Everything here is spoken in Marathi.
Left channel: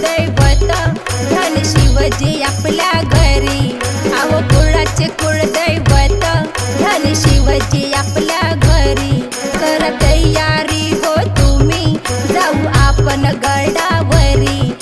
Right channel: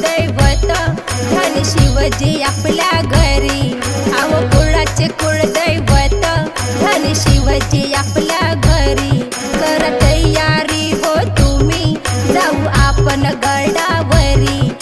कुळदैवत धन शिवजी आपल्या घरी। अहो कुळाचे कुळदैवत धन शिवजी आपल्या घरी। कर तयारी हो तुम्ही जाऊ आपण गडावरी।